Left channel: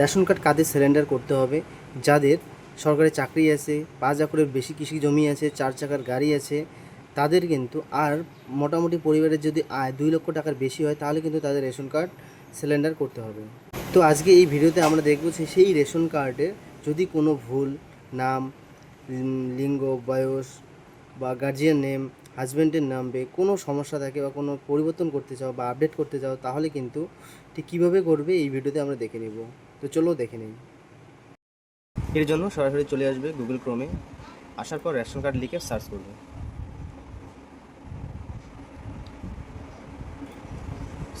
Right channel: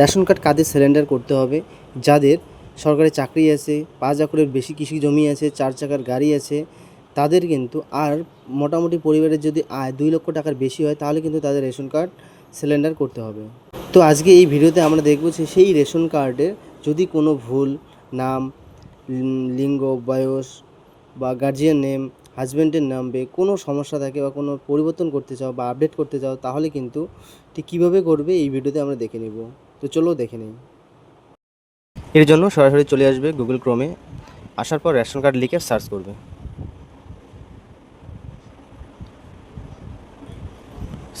Ration card কাদের cylinder করতে হবে? যাদের সরকারি চাকরি আছে, 5 একরের বেশি কৃষি জমি আছে, 4 চাকার গাড়ি আছে, তাদের কিন্তু, আর মোটামুটি পরিবারের যদি আয় 2 লক্ষ টাকার বেশি হয় তাহলে কিন্তু তাদের রেশন কার্ড সিলিন্ডার করতে হবে। তো আজকে এই ভিডিওতে আমরা দেখব যে সেই রেশন কার্ডে যদি কোনো ভুল, নাম, লিঙ্গ, বয়স বা গার্জিয়ান নেম, হাজব্যান্ডের নামে কোনো সমস্যা থাকে বা কোনো পরিবর্তন করতে চাও বা আপডেট করতে চাও, তাহলে কিন্তু ঠিক কীভাবে করবে এই ভিডিওতে আমরা দেখে নেব। তো চলো দেখে নিই। এর জন্য সরাসরি চলে আসবে গুগল ক্রোমে, আসার পর রেশন কার্ড লিখে সার্চ করবে।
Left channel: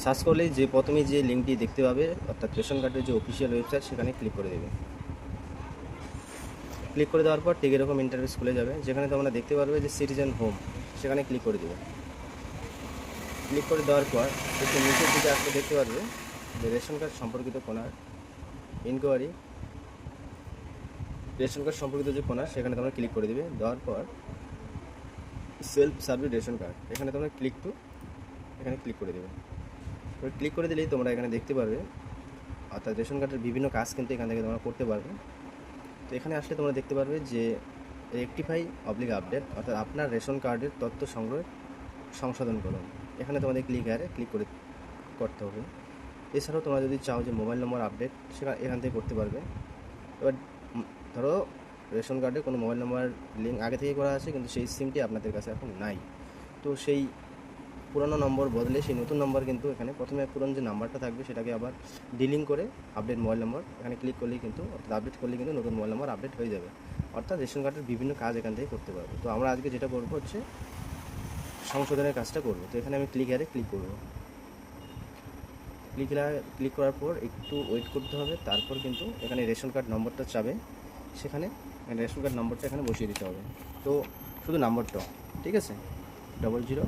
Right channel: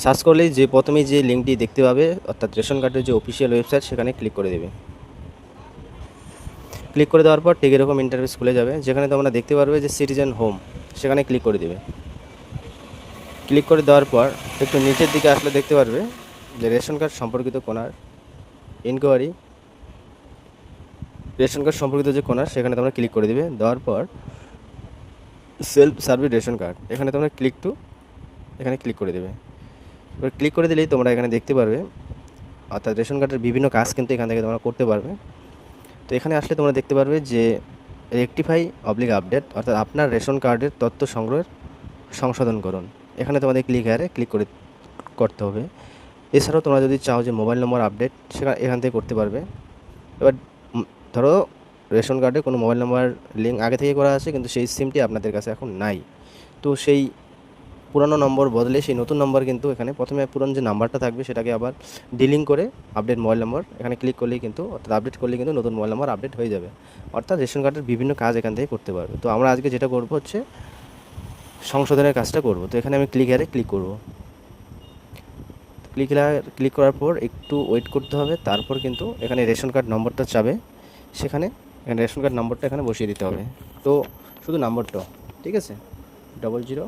সার্চ করলেই যে প্রথমেই যে লিঙ্কটি দেখতে পাবে, অর্থাৎ রেশন কার্ডের যে অফিসিয়াল ওয়েবসাইট, সেখানে ক্লিক করে দেবে। ক্লিক করে দেওয়ার পর ঠিক এরকম ইন্টারফেস খুলে যাবে, যেখানে তোমরা দেখতে পারবে যে সিটিজেন হোম, সেখানে ক্লিক করে দেবে। ক্লিক করে দেওয়ার পর একটু নিচের দিকে আসলে দেখতে পারবে যে রেশন কার্ড সম্পর্কিত কোনার ইনকোয়ারি, রেশন কার্ড সম্পর্কিত যে কোনার, সেখানে তোমরা ক্লিক করে দেবে। দেওয়ার পর সেলফ সার্ভিস রেশন কার্ড, এখানে তোমরা এখানে ক্লিক করে দেবে। এবার ক্লিক করে দিলেই তোমরা এখানে দেখতে পারবে, অর্থাৎ রেশন কার্ডের বিভিন্ন কাজ কিন্তু এখান থেকে তোমরা করতে পারবে। তো এখানে আসলে তোমরা দেখতে পারবে যে রেকটিফাই অবলিক আপডেট, অর্থাৎ আপনার রেশন কার্ডের তথ্য সংগ্রহের সংশোধন করুন, এখানে তোমাদের ক্লিক করতে হবে। এছাড়াও তোমরা যদি চাও যে মোবাইল নম্বর আপডেট, সেখানে এখান থেকে করতে পারবে। এবার ধরো রেশন কার্ডে কোনো মোবাইল নাম্বার লিঙ্ক আগে থেকে করা আছে, কিন্তু সেই সিমটি আপনাদের কাছে এখন নাই, তো সেই পুরানো নম্বর বদলে সেই নতুন নম্বর কিন্তু এখানে প্রথমে পুরনো যে নাম্বারটা থাকবে সেটাকে আবার ডিলিং করে আপডেট মোবাইল নম্বর এখানে ক্লিক করলেই কিন্তু, অর্থাৎ আপডেট করলেই কিন্তু নতুন মোবাইল নম্বর আপডেট হয়ে যাবে। অর্থাৎ রেশন কার্ডের বিভিন্ন কাজ এখান থেকে করতে পারবে। তো আমরা আজকে যেটা করব হচ্ছে সংশোধনের কাজটা করব। তো এখানে আমি ক্লিক করব। ক্লিক করার পর একটু ওয়েট করতে হবে, তারপর কিন্তু এখানে রেশন কার্ড নম্বরটা চাবে, এখানে রেশন কার্ড নম্বরটা এখানে বসিয়ে দিতে হবে। তো শুধু নাম্বারটা, ঠিক আছে, 0012,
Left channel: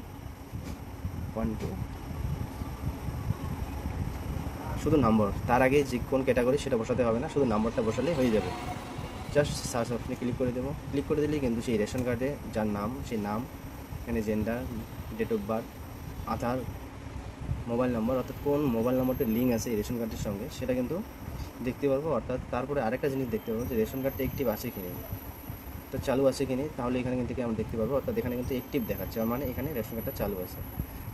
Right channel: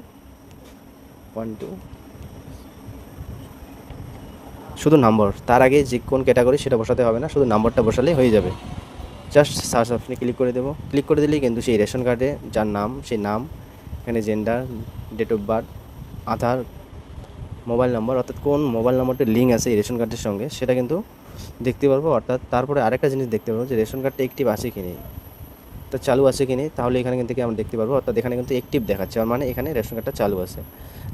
শুধু নম্বর, তার আগে যে কোন ক্যাটাগরি সেটা বসাতে হবে না, শুধু নাম্বারটা বসালেই হয়ে যাবে। জাস্ট সার্চ অপশনে ক্লিক করে দেবো। ক্লিক করে দিলেই কিন্তু সেই রেশন কার্ডে যার নাম, সেই নাম, এখানে gender, date of birth, Aadhaar, mobile number, অর্থাৎ কোন মোবাইল নাম্বারটা লিঙ্ক আছে এই রেশন কার্ডের সঙ্গে, সেটা কিন্তু দেখতে পারবো। অর্থাৎ তারপরে আরেকটা জিনিস দেখতে পারবো যে রেশন কার্ডটা অ্যাক্টিভ আছে কি নেই, তো চালু আছে কি নেই, তাহলে এখানে কিন্তু আমরা দেখতে পারবো। অর্থাৎ এখানে কিন্তু অ্যাক্টিভ দেখাচ্ছে, মানে এখানে রেশন কার্ডটা চালু আছে।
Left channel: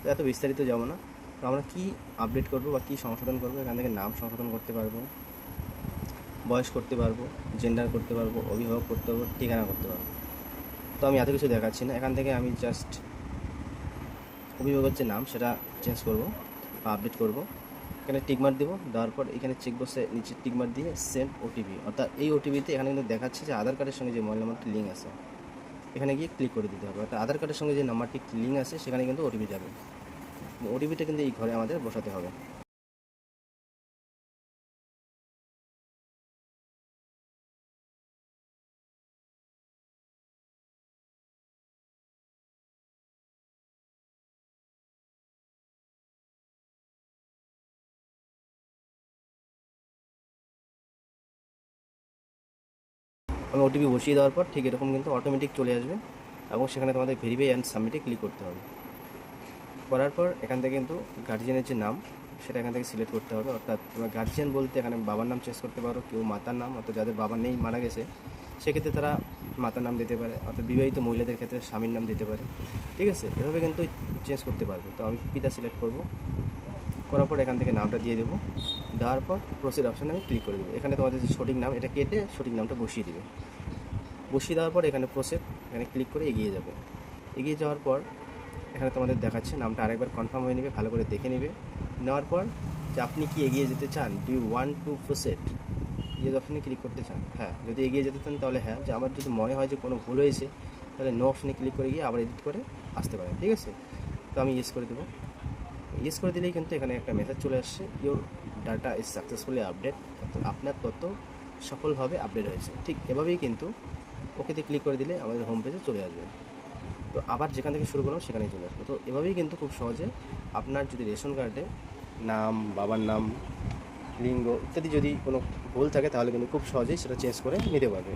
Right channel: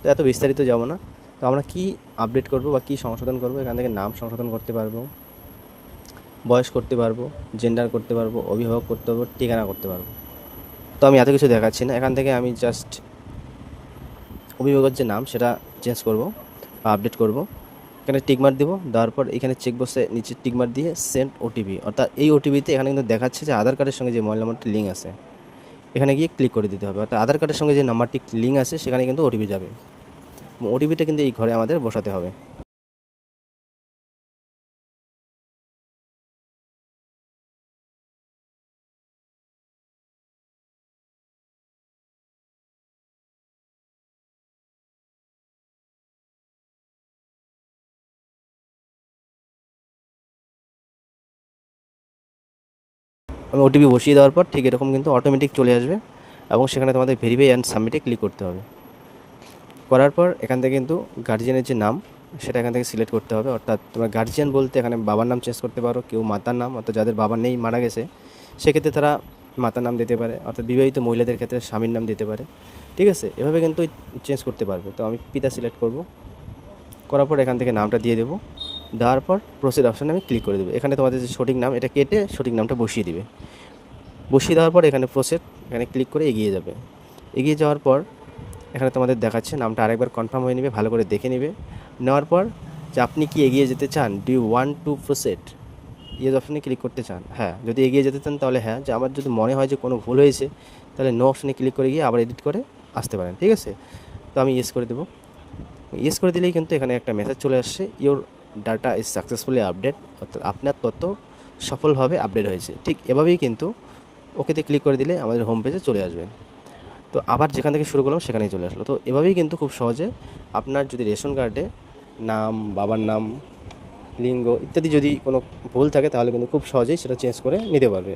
তো এত বিস্তারিত যাবো না। তো আমরা কি আপডেট করব বা কী সংশোধন করব, এখান থেকে নাম সংশোধন করতে পারবো, বয়স করতে পারবো, জেন্ডার করতে পারবো, অভিভাবক করতে পারবো, ঠিকানা করতে পারবো। তো আমি এত কিছু দেখাচ্ছি না, এখান থেকে আমি জাস্ট অভিভাবকের যে নাম সেটা চেঞ্জ করব বা আপডেট করব। এখানে টিকমার্ক দেবো, দেওয়ার পর এখানে চেকবক্সে নিচে টিকমার্ক দিয়ে সেন্ড ওটিপি, অর্থাৎ এই ওটিপিতে এখানে কিন্তু দেখাচ্ছে যে আধার কার্ডের সঙ্গে যে মোবাইল নাম্বারটি লিঙ্ক আছে, এখানে গিয়ে ক্লিক করে দিতে হবে। অর্থাৎ আধার কার্ডের সঙ্গে যে নাম্বারটি লিঙ্ক আছে সেখানে কিন্তু ওটিপি যাবে, ওটিপিটা কিন্তু এই ঘরে আমাদের বসাতে হবে। আমি ওটিপি বসিয়ে দেওয়ার পর ঠিক এরকম কিন্তু অটোমেটিক চলে আসবে, এবং সেখানে তোমাদের ভেরিফাই অ্যান্ড সাবমিটে ক্লিক করতে হবে। করার পর এখান থেকে কিন্তু গার্জিয়ানের যে নাম সেটা এখান থেকে সিলেক্ট করতে হবে। অর্থাৎ তোমার গার্জিয়ান বলতে এখানে বাবার নাম চেঞ্জ করতে পারো, কেউ মাতার নাম, অর্থাৎ যাদের বাবা নেই, মারা গেছে, সেক্ষেত্রে তারা মাতার নাম দিতে পারে, অর্থাৎ বিবাহিত মহিলাদের ক্ষেত্রে স্বামীর নাম দিতে পারে, ঠিক আছে, এভাবে কিন্তু চেঞ্জ করতে পারবে। তো আমি পিতা সিলেক্ট করব, করার পর এখান থেকে নামটা দিয়ে দেবো। দেওয়ার পর প্রসিড অপশানে আমি ক্লিক করে দেবো। এখানে তোমাদের যে সঠিক নাম এটা কেটে সঠিক নামটা বসিয়ে দিবে। বসিয়ে দেওয়ার পর এখানে প্রসেস, এখানে ক্লিক করে এগিয়ে যাবে। এগিয়ে যাওয়ার পর এখানে তোমাদের দেখাচ্ছে, নামটা আরেকবার কনফার্ম হয়ে নেবে, ভালো করে দেখে নেবে। নেওয়ার পর যে আপনি কি এগিয়ে যেতে চান, do you want to proceed, yes অপশানে ক্লিক করতে চান, হ্যাঁ, যদি এগিয়ে যেতে চান তাহলে হ্যাঁ, যে আমার যদি মনে হয় যে কোনো ভুল হয়েছে তাহলে নো অপশানে ক্লিক করে গিয়ে আবার এডিট করে আসতে পারেন, ঠিক আছে। তো আমি ইয়েস করে দেবো। ইয়েস করে দিলেই কিন্তু এখানে একটা মেসেজ চলে আসছে, your data is successfully update, অর্থাৎ আপনার তথ্য সফলভাবে আপডেট হয়েছে। ঠিক এভাবেই কিন্তু ওকেতে ক্লিক করে দিলে আমাদের হোম পেজে চলে আসবে। তো আবার যেখান থেকে শুরু করলাম সেখানেই চলে আসলো। তো এভাবেই কিন্তু খুব সহজে আপনার যদি রেশন কার্ডে নাম, বাবার নাম, লিঙ্গ ইত্যাদি যদি কোনো ভুল থাকে তাহলে কিন্তু খুব সহজেই সেটা চেঞ্জ করে নিতে পারবে।